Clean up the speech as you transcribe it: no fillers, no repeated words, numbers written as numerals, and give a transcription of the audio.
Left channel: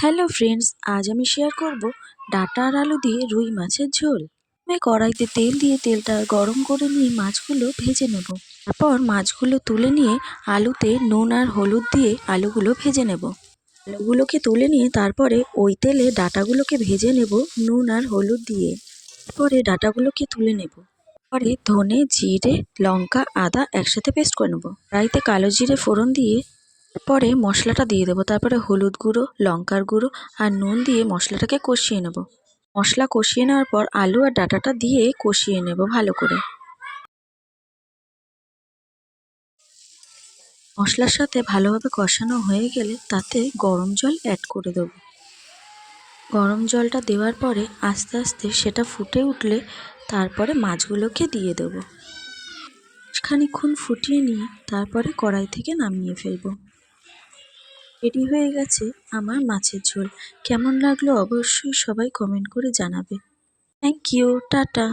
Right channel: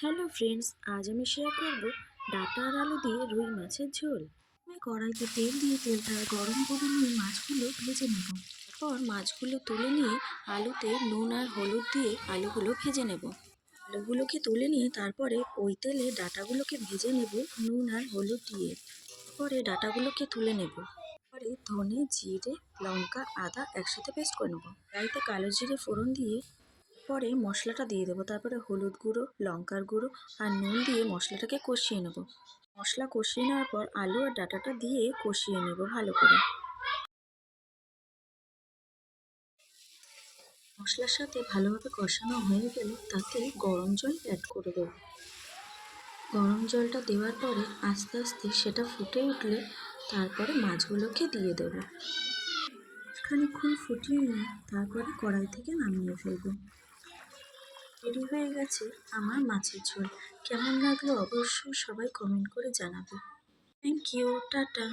Hello friends, আজ আমি share করব ডাঁটা আর আলু দিয়ে রুই মাছের ঝোল। আমি কড়াইতে তেল দিয়ে তেলটা গরম করে নিয়ে মাছগুলো ভেজে নেব। তারপর মাছগুলো তুলে নিয়ে আলুতে নুন আর হলুদ দিয়ে আলুগুলো ভেজে নেব। আলুগুলোকে তুলে নিয়ে তারপরে ওই তেলে ডাঁটাগুলোকে ভেজে নেব নুন আর হলুদ দিয়ে। তারপরে ডাঁটাগুলোকে তুলে নেব। পরে ধনে, জিরে, লঙ্কা, আদা একসাথে পেস্ট করে নেব। কড়াইতে কালো জিরে ফোড়ন দিয়ে পরে মশলাটা দিয়ে দেবো। তারপরে হলুদ গুঁড়ো, লঙ্কার গুঁড়ো আর নুন দিয়ে মশলাটাকে কষিয়ে নেব। মশলা কষিয়ে নেওয়ার পর আলু আর ডাঁটাটা দিয়ে কষিয়ে নেব ভালো করে। মশলার সাথে ভালোভাবে কষানো হয়ে গেলে তাতে গরম জল অ্যাড করে দেবো। গরম জলটা দেওয়ার পরে আস্তে আস্তে সেটা ফুটে উঠলে তারপরে মাছগুলোকে দিয়ে দেবো। খানিকক্ষণ ফুটিয়ে নিয়ে তারপরে কড়াই থেকে নামিয়ে ফেলবো। রেডি হয়ে গেছে আমার মাছের ঝোল। কেমন লাগলো অবশ্যই সবাই কমেন্ট করে জানাবে। Thank you, tata.